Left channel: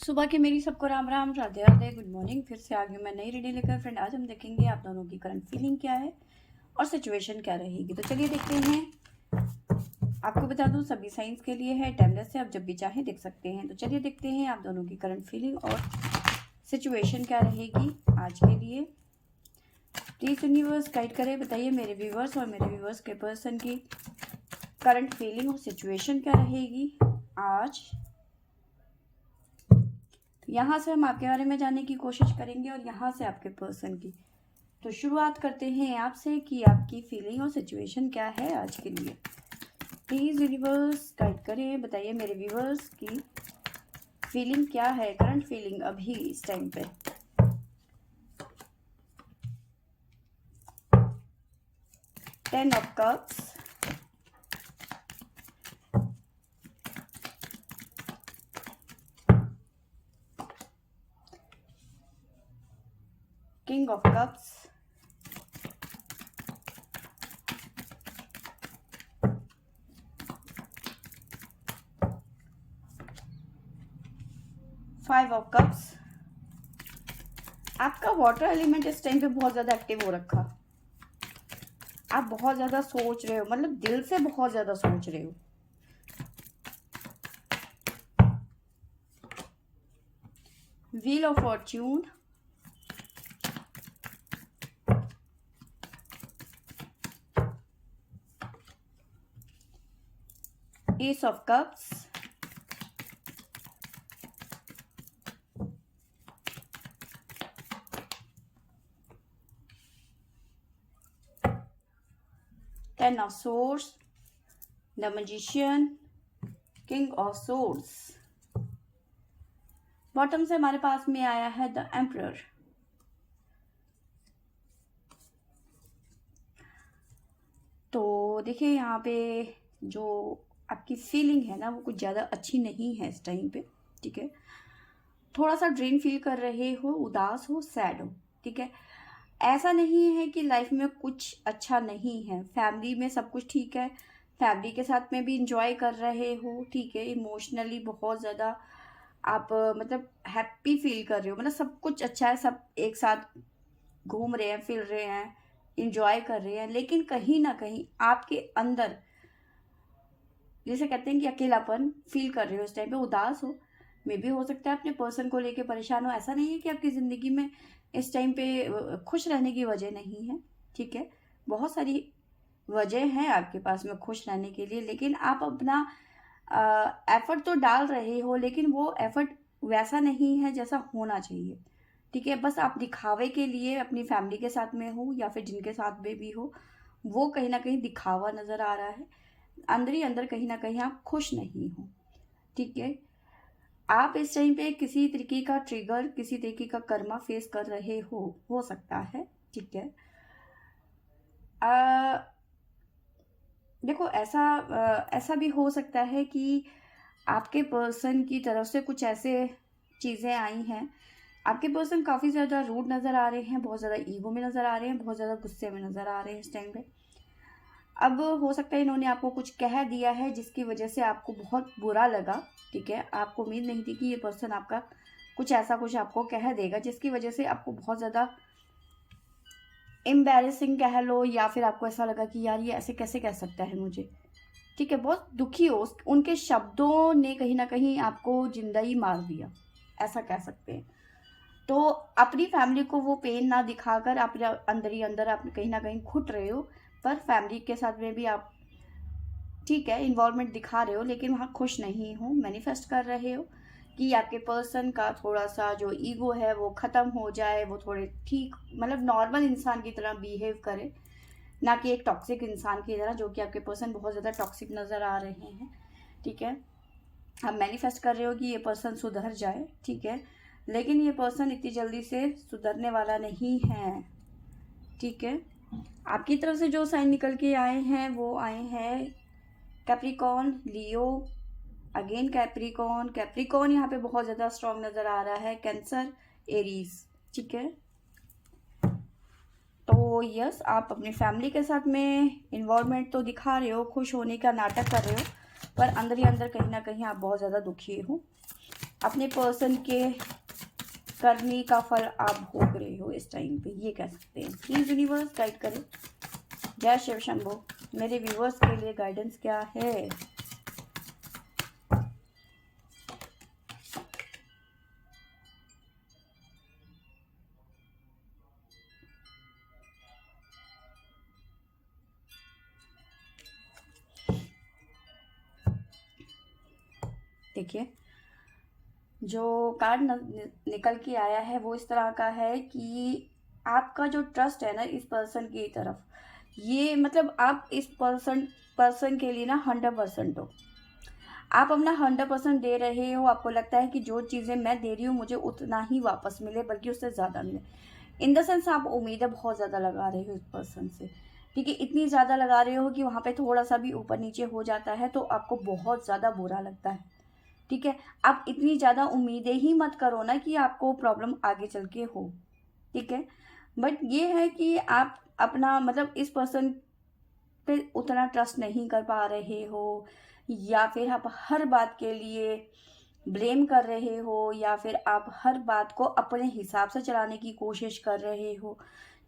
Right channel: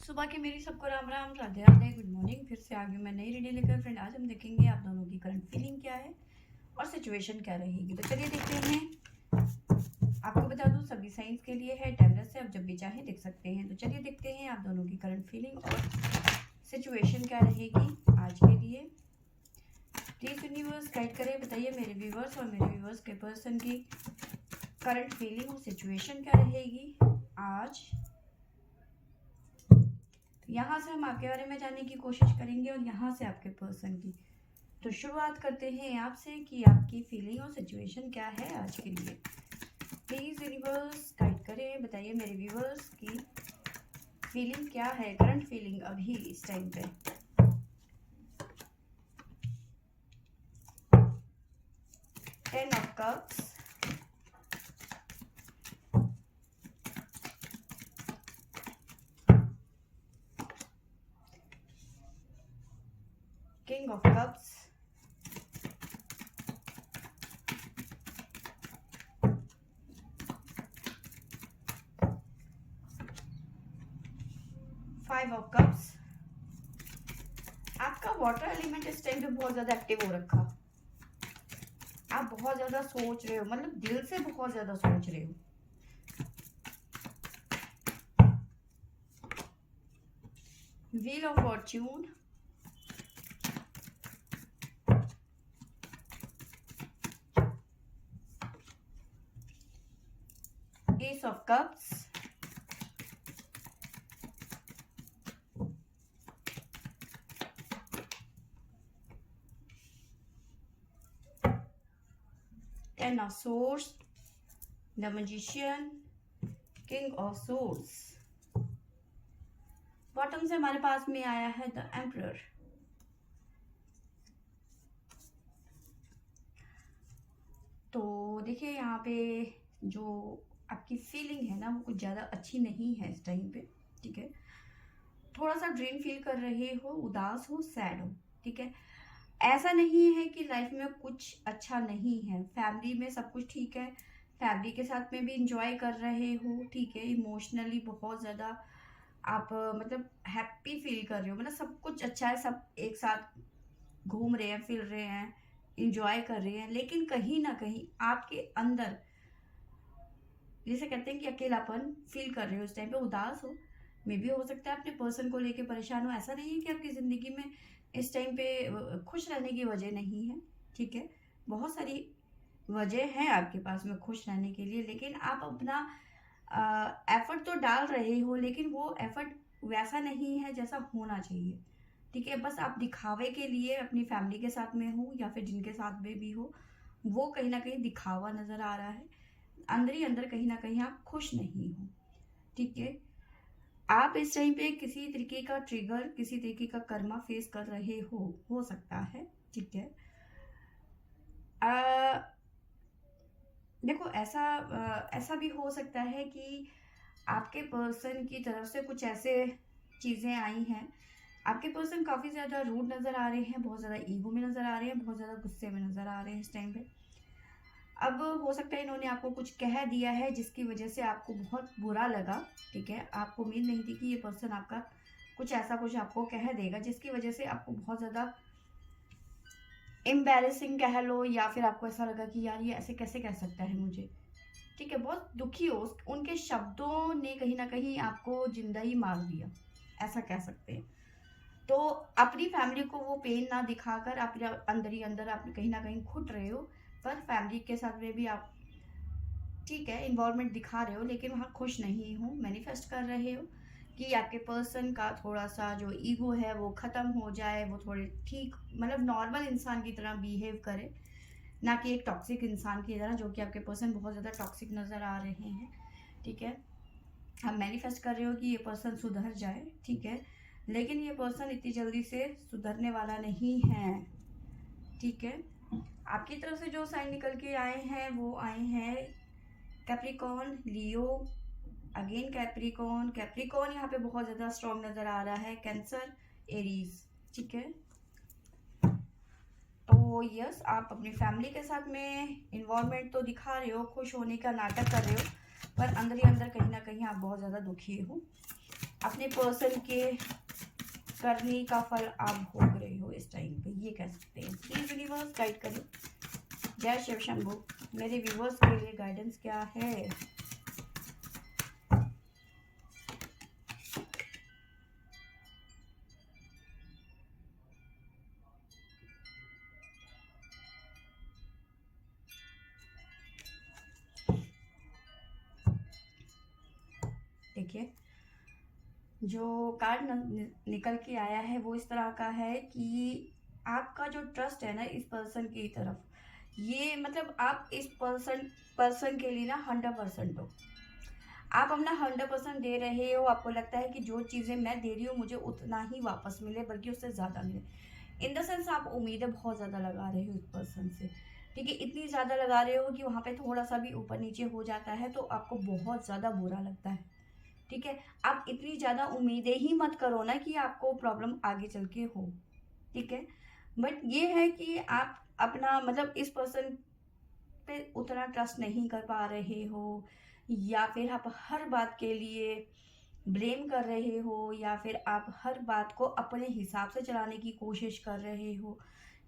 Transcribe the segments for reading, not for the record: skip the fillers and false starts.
सुबह के मेरी सबको राम राम, राधे राधे, गुड मॉर्निंग। फिर से आ गई मैं नई रीडिंग लेकर। फ्रेंड, आज हम देखेंगे आप दोनों की करंट फीलिंग क्या है और सिचुएशन क्या रहेगी। तो चलिए देखते हैं। आपको बता दूं सभी साइंस के लिए है, टाइमलेस से, आप जब भी चाहें देख सकते हैं। तो चलिए देखते हैं आप दोनों की करंट फीलिंग और सिचुएशन क्या रहेगी आज के लिए। प्लीज यूनिवर्स गाइड करे, बताइए मेरे व्यूवर्स और मेरे व्यूवर्स के पर्सन की करंट फीलिंग और सिचुएशन क्या रहेगी आज। यहाँ से हम आपके बारे में जानने की कोशिश करेंगे और यहाँ से आपके पर्सन की। तो शुरुआत करते हैं आपसे कि आपकी फीलिंग और सिचुएशन क्या है आज के लिए। प्लीज यूनिवर्स गाइड करें, बताइए मेरे व्यूवर्स की फीलिंग क्या है, करंट फीलिंग अभी इस टाइम पे। Ten of cups, king of cups, five of cups. आपका वाटर एलिमेंट इस टाइम पे बहुत ज्यादा एक्टिव हो रखा। आप बहुत ज्यादा सोच रहे हो, मतलब दिल से बहुत ज्यादा सोच रहे हो। Wheel of Fortune, S of cups, ten of source, the magician, king of source. Bottom से हमारे पास में आया है द एम्परर। तो देखिए यहाँ पे जो आपकी फीलिंग है ना वो कुछ ज़्यादा अच्छी नहीं है इस टाइम पे। ठीक है, थोड़ा सा ड्रेन फील कर रहे हो, उदास हो, सैड हो। ठीक है, ऐसा नहीं है कि लाइफ में कुछ अच्छा नहीं है, फैमिली में सब कुछ ठीक है, फैमिली के साथ में भी इंजॉय कर रहे हो। ठीक है, इमोशनली बहुत ज़्यादा आप मतलब हैप्पी फील कर रहे हो, मतलब सब कुछ अच्छा है, सब एक साथ घूम रहे हैं, फिर रहे हैं, इंजॉय कर रहे हैं। लेकिन कहीं ना कहीं आपके अंदर जैसे कहते हैं कि अकेलापन फील कर रहे हो, इस टाइम पे उदास हो। मे भी हो सकता है अपने पर्सन को लेके परेशान हो। ऐसा नहीं है कि आपकी ज़िंदगी में इस टाइम पे खुश रहने की वजह नहीं है। ठीक है, बहुत सारी वजह हैं आपके पास में खुश रहने के लिए, लेकिन आप अपना एफर्ट तो डाल रहे हो, लेकिन वो एफर्ट वैसा नहीं है जैसा होना चाहिए। ठीक है, बस आप दिखावे के लिए अपनी फैमिली के साथ में हो या फिर जिनके साथ में भी हो, वो कहीं ना कहीं दिखावा नजर आ रहा है। अंदर ही अंदर कहीं ना कहीं आप खुश नहीं हो। ठीक है, आप इस टाइम पे किसी तरीके का ट्रिगर, किसी तरीके का कर्मा फेस कर रहे हो सकता है। ठीक है, देखो ऐसा भी हो सकता है कि आपके पर्सन की तरफ से कुछ ऐसे चीज़ें आई हैं। आपके पर्सन काफ़ी ज़्यादा रूड नज़र आ रहे हैं, बहुत ज़्यादा ईगो में नज़र आ रहे हैं, बहुत ज़्यादा गुस्से में नज़र आ रहे हैं इस टाइम पे। अब हो सकता है इन्होंने आपको कुछ कह दिया है जिसकी वजह से आपको बहुत बुरा लगा। ठीक है, आपको उम्मीद नहीं थी कि ये पर्सन आपका कुछ ऐसा कुछ आपको कह देगा जिसकी वजह से आपको बहुत ज़्यादा एम्बैरेसिंग कह लो, या फिर आपको ऐसा लगा कि यार ये ऐसे कैसे कह सकता है मुझे। ठीक है, बहुत दुखी हो, उनके शब्दों ने कहीं ना कहीं आपको जिंदा ही मार दिया, ऐसा कह सकते हैं। तो अपनी फैमिली को वो पेन ना दिखाकर आप अंदर ही अंदर आप कहीं ना कहीं घुट रहे हो, पर फैमिली के साथ में भी आप ठीक है इन्वॉल्वमेंट दिखा रहे हो, लेकिन वहाँ खुश नहीं हो। मैनिफेस्ट कर रहे हो कि आपके पर्सन का थोड़ा सा जो ईगो है वो ख़त्म हो जाए, वो थोड़े ठीक मतलब नॉर्मल इंसान की तरह बिहेव करे, ना कि एक टॉक्सिक इंसान की तरह, जो कि आपके पर्सन बहुत ज़्यादा टॉक्सिक नज़र आ रहे हैं। ठीक है, आप मैनिफेस्ट कर रहे हो कि ये पर्सन सुधर जाए। ठीक है, लेकिन ये पर्सन इतनी जल्दी से सुधरने वाला नहीं है। ठीक है, आपकी तरफ से जो साइन निकल के आए हैं वो आए हैं कैप्रिकॉन, लियो, अगेन कैप्रिकॉन। कैप्रिकॉन यहाँ पे बहुत ज़्यादा स्ट्रॉन्ग नज़र आ रहा है, कैंसर, एरीज। ठीक है, तो यस आप अपनी फैमिली के साथ में इन्वॉल्वमेंट तो दिखा रहे हो, खुश होने का नाटक कर रहे हो, पर अंदर ही अंदर कहीं ना कहीं आप बहुत ज़्यादा दुखी हो। अपने पर्सन के करने का फल आप भोग रहे हो इस टाइम पे, ये कह सकते हैं। प्लीज यूनिवर्स गाइड करें। जय शिव शंभो। मेरे व्यूवर्स के लिए गाइडेंस क्या है? देखिए, जो कार्ड निकल के आया है वो इस तरह का है कि आपका जो ट्रस्ट है ना इस पर्सन की तरफ, ये मतलब आप इस पर्सन के लिए ना 100% हो। आप अपना 100% दे रहे हो। आपको लगता है कि जो चीज़ें मैं दे रही हूँ मुझे उतना ही वापस मिले, बल्कि उससे ज़्यादा मिले। इन द सेंस आप उम्मीदें बहुत ज़्यादा लगा रहे हो इस पर्सन से, ठीक है। इतनी ज़्यादा लगा रहे हो कि वहाँ पे थोड़ा सा भी ऊपर नीचे हो जाता है तो आपको बहुत ज़्यादा बुरा लगता है, ठीक है। आप इतनी ज़्यादा उम्मीदें ही मत करो ना कि आपको प्रॉब्लम आगे चल के हो, ठीक है। बट ये है कि आप अपना मतलब इस पर्सन पे उतना ट्रस्ट नहीं कर पा रहे हो, या फिर आप हर बात के लिए ब्लेम कर रहे हो, या फिर आप हर बात को अपने हिसाब से चलाने की कोशिश कर रहे हो,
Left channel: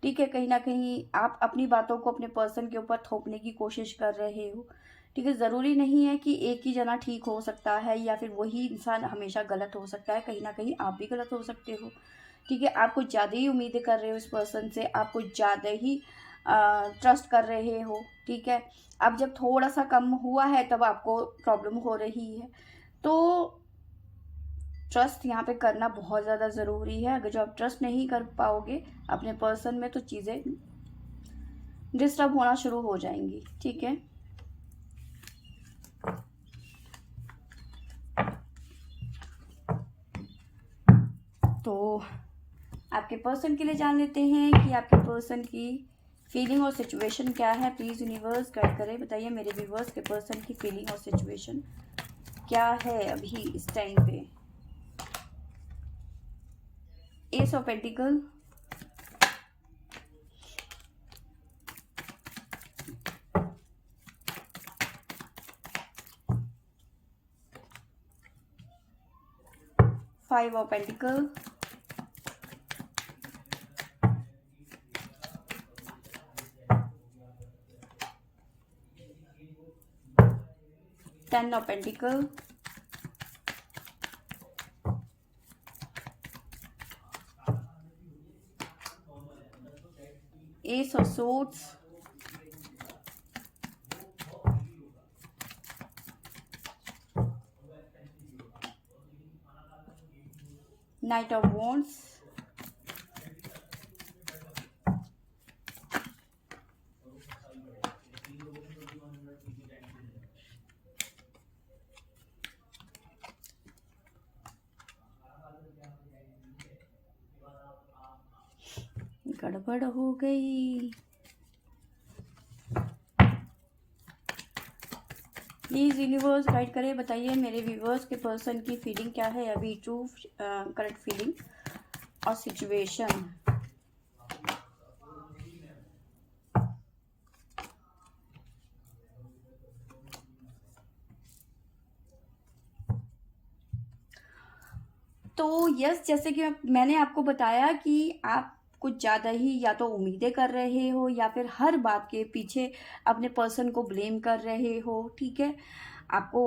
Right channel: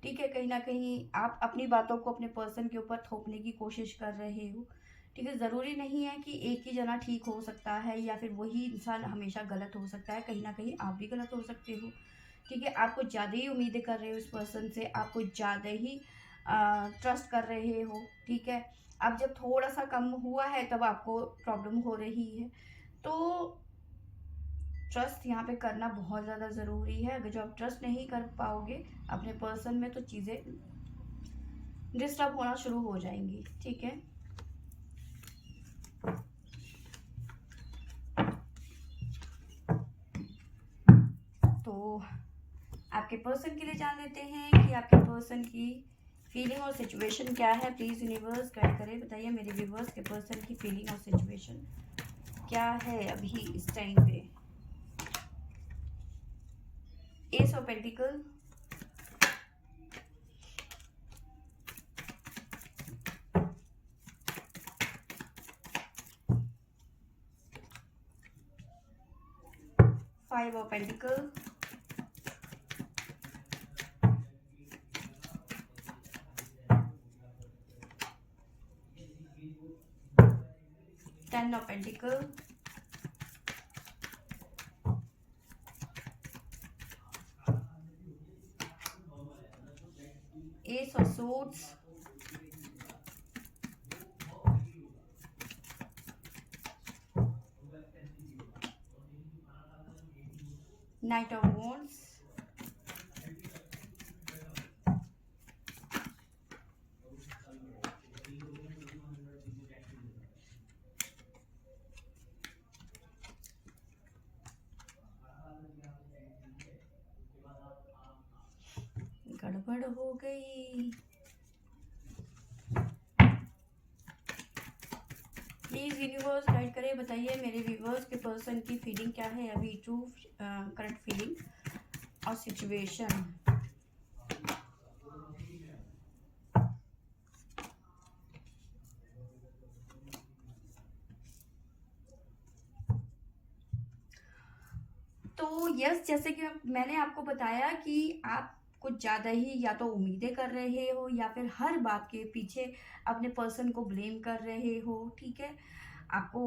ठीक है। कहीं ना कहीं आप अपनी बातों को अपने पर्सन के ऊपर थोपने की कोशिश कर रहे हो, ठीक है। ज़रूरी नहीं है कि एक ही जना ठीक हो सकता है या फिर वही इंसान हमेशा गलत हो सकता है। कहीं ना कहीं आप भी गलत हो सकते हो, ठीक है। आप कुछ ज़्यादा ही उम्मीदें कर रहे हो इस पर्सन से, आप कुछ ज़्यादा ही ट्रस्ट कर रहे हो, ठीक है। अब जब थोड़ा सा कम हुआ है तब आपको प्रॉब्लम हो रही है। तो ट्रस्ट यहाँ पे करना बहुत ज़्यादा ज़रूरी है। अगर जो आप ट्रस्ट नहीं कर पाओगे अपने पर्सन में तो चीज़ें डिस्टर्ब होना शुरू हो जाएंगी, ठीक है। तो आपके पर्सन के लिए जान लेते हैं कि आपके पर्सन की फीलिंग और सिचुएशन क्या है। प्लीज़ यूनिवर्स गाइड करें, बताइए मेरे व्यूवर्स के पर्सन की फीलिंग और सिचुएशन क्या है अभी इस टाइम पे। S of pentacle, five of pentacle, ten of pentacle, S of swords, night of wands, गड़बड़ हो गई। प्लीज यूनिवर्स गाइड करें, बताइए मेरे व्यूवर्स के पर्सन की फीलिंग क्या है अभी, ट्रू करंट फीलिंग और सिचुएशन। तो यस, जैसे कि मैंने आपको बताया कि आप कुछ ज़्यादा ही या तो उम्मीदें कर रहे हो या फिर हर बात के पीछे अपने पर्सन को ब्लेम कर रहे हो, ठीक है। आपको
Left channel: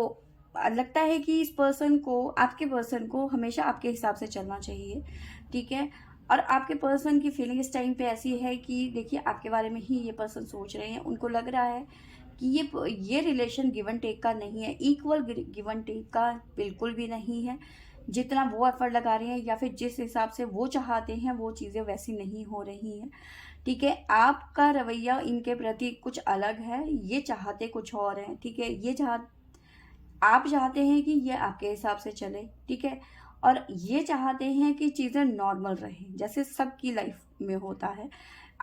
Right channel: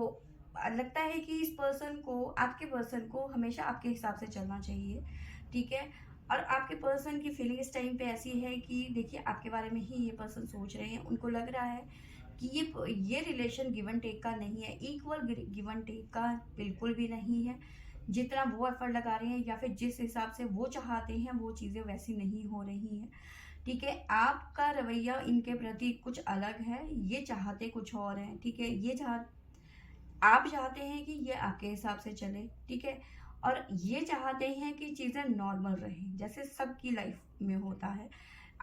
लगता है कि इस पर्सन को, आपके पर्सन को हमेशा आपके हिसाब से चलना चाहिए, ठीक है। और आपके पर्सन की फीलिंग इस टाइम पे ऐसी है कि देखिए आपके बारे में ही ये पर्सन सोच रहे हैं। उनको लग रहा है कि ये रिलेशन गिव एंड टेक का नहीं है, इक्वल गिव एंड टेक का बिल्कुल भी नहीं है। जितना वो एफर्ट लगा रहे हैं या फिर जिस हिसाब से वो चाहते हैं वो चीज़ें वैसी नहीं हो रही हैं, ठीक है। आपका रवैया इनके प्रति कुछ अलग है, ये चाहते कुछ और हैं, ठीक है। आप चाहते हैं कि ये आपके हिसाब से चले, ठीक है। और ये चाहते हैं कि चीज़ें नॉर्मल रहें जैसे सबकी लाइफ में होता है।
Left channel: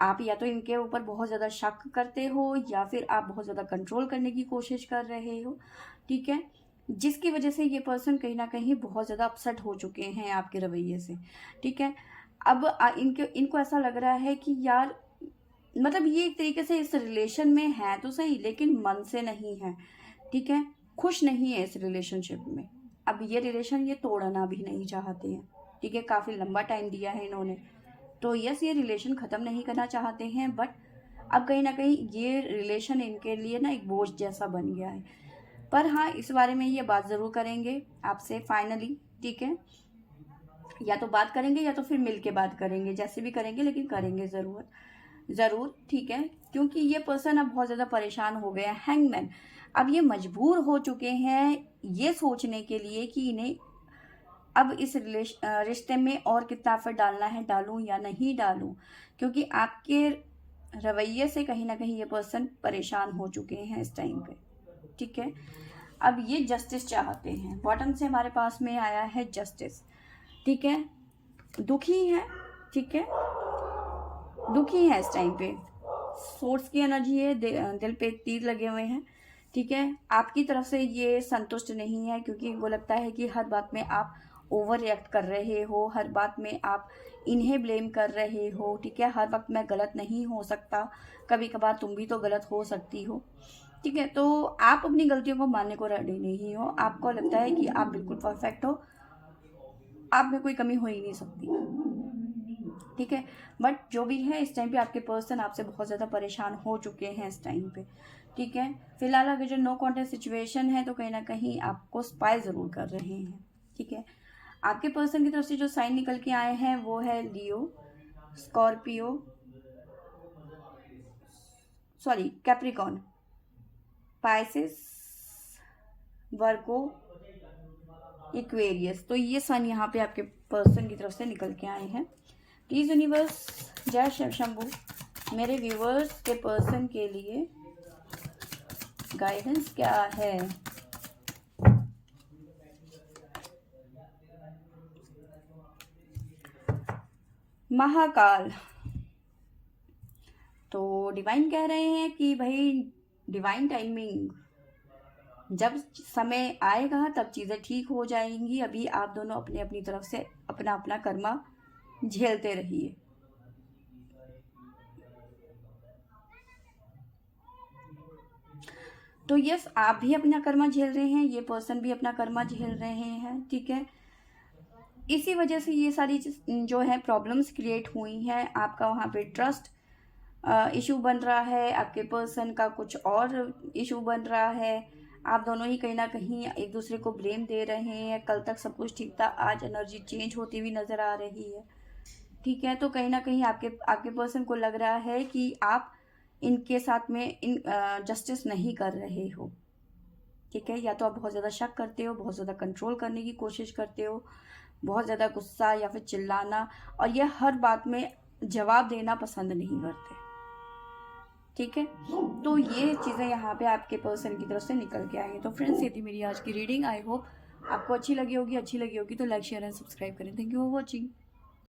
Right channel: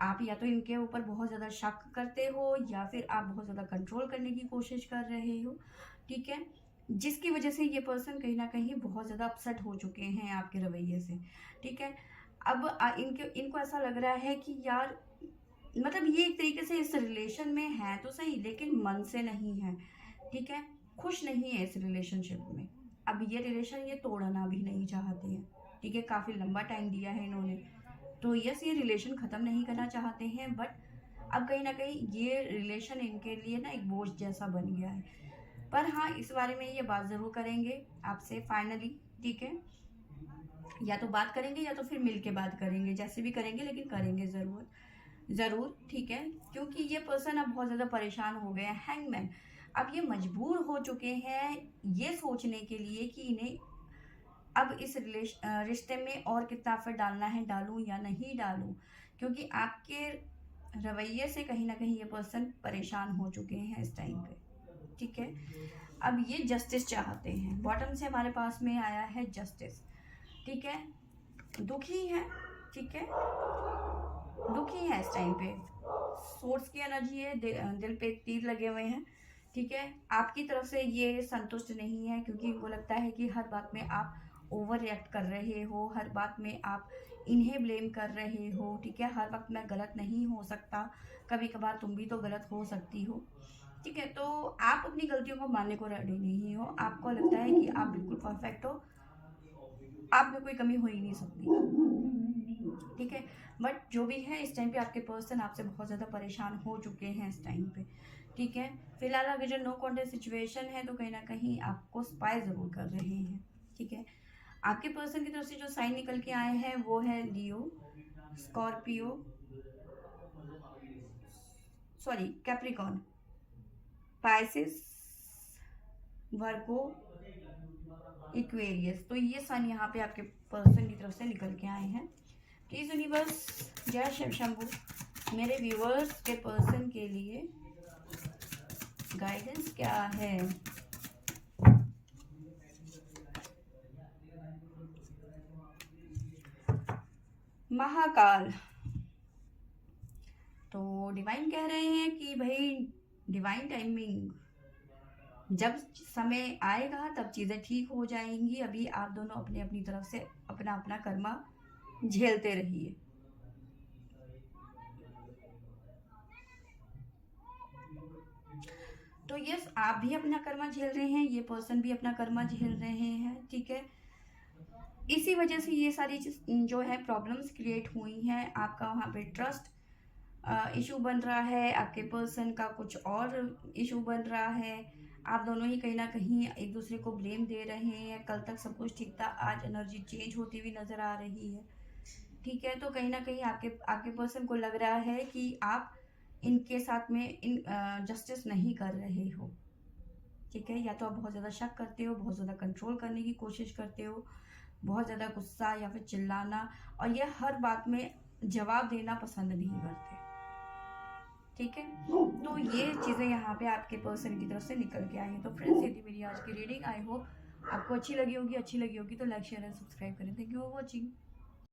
आप या तो इनके ऊपर बहुत ज़्यादा शक करते हो या फिर आप बहुत ज़्यादा कंट्रोल करने की कोशिश कर रहे हो, ठीक है। जिसकी वजह से ये पर्सन कहीं ना कहीं बहुत ज़्यादा अपसेट हो चुके हैं आपके रवैये से, ठीक है। अब इनको ऐसा लग रहा है कि यार मतलब ये एक तरीके से इस रिलेशन में है तो सही लेकिन मन से नहीं है, ठीक है। खुश नहीं है इस रिलेशनशिप में, अब ये रिलेशन ये तोड़ना भी नहीं चाहते हैं, ठीक है। काफ़ी लंबा टाइम दिया है इन्होंने, तो यस ये रिलेशन ख़त्म नहीं करना चाहते हैं, बट अब कहीं ना कहीं ये रिलेशन इनके लिए ना एक बोझ जैसा बन गया है। पर हाँ, इस बारे में ये बात ज़रूर करेंगे आपसे फाइनली, ठीक है। या तो बात करेंगे या तो फिर मिल के बात करेंगे, जैसे भी करेंगे, लेकिन करेंगे ज़रूर, ठीक है। क्योंकि ये पर्सन अब बहुत ज़्यादा परेशान हो गया है। हैंगमैन अब ये मजबूर हो चुके हैं ये सोचने के लिए कि इन्हें अब इस रिश्ते में और कितना एफर्ट डालना है, डालूं या नहीं डालूं, क्योंकि आपके रवैये से कहीं ना कहीं ये पर्सन परेशान हो चुके हैं इस टाइम पे, ठीक है। अब ये जस्टिस चाहते हैं, बॉटम से हमारे पास में आया है जस्टिस, ठीक है। दुखी है, ठीक है, दुखी है इस टाइम पे, सोर्स की एनर्जी है, दिल पे तीर लगे हुए हैं, ठीक है। आपकी तरफ से ये संतुष्ट नहीं है, क्योंकि इनको लगता है कि हर बात में आप ओवर रिएक्ट कर रहे हो, हर बात में आप इन्हें ब्लेम कर रहे हो, ठीक है। हर वक्त मैं गलत नहीं हो सकता, कभी कभार तुम भी तो गलत हो सकती हो, ठीक है। तो आप अपनी गलतियों को मानने को रेडी नहीं हो, आपको लगता है कि आप बिल्कुल परफेक्ट हो, आप में कोई कमी हो ही नहीं सकती, ठीक है। बट जो भी है इस टाइम पे आपके पर्सन आपसे बहुत ज़्यादा परेशान हो चुके हैं इस टाइम पे, ठीक है। फिलहाल अगर जो नो कॉन्टेक्ट सिचुएशन है तो कहीं ना कहीं आपको स्पाई ज़रूर कर रहे हैं, ठीक है। आपके पर्सन की तरफ से जो साइन निकल के आए हैं वो है लियो, स्कॉर्पियो, सॉरी कैप्रिकॉन, पाइसिस, वर्गो, इक्वेरियस। तो ये सन यहाँ पे आपके पर्सन की तरफ से निकल के आए हैं। प्लीज यूनिवर्स, जय शिव शंभू, मेरे व्यूवर्स के पर्सन के लिए गाइडेंस क्या है। महाकाल, तो डिवाइन कह रहे हैं कि भाई डिवाइन टाइमिंग, जब समय आएगा तब चीज़ें ठीक हो जाएंगी, अभी आप दोनों अपने अपनी तरफ से अपना अपना कर्मा झेलते रहिए। तो यस, आप भी अपना कर्मा झेल रहे हैं, ये पर्सन भी अपना कर्मा झेल रहे हैं, ठीक है। इसी वजह से ये सारी जो है प्रॉब्लम्स क्रिएट हुई हैं, आपका वहाँ पे ट्रस्ट इशू बन रहा है, आपके पर्सन का कुछ और इशू बन रहा है, आप दोनों ही कहीं ना कहीं एक दूसरे को ब्लेम दे रहे हैं। कल तक सब कुछ ठीक था, आज एनर्जी चेंज होती हुई नज़र आ रही है, ठीक है। तो कहीं ना कहीं आपके आपके पर्सन को लग रहा है कि आप इनके साथ में जस्टिस नहीं कर रहे हो, ठीक है। या तो आप बहुत ज़्यादा शक करते हो, बहुत ज़्यादा कंट्रोल करने की कोशिश करते हो, बहुत ज़्यादा गुस्सा या फिर चिल्लाना, और ये हर बात में जवाब देना पसंद नहीं करते, ठीक है। तो ये चीज़ें यहाँ पे आपके पर्सन की तरफ से निकल के आई हैं। तो फ्रेंड्स, ये थी मेरी आज की रीडिंग। आई होप आपको अच्छी लगी होगी तो लाइक शेयर एंड सब्सक्राइब करें। Thank you for watching.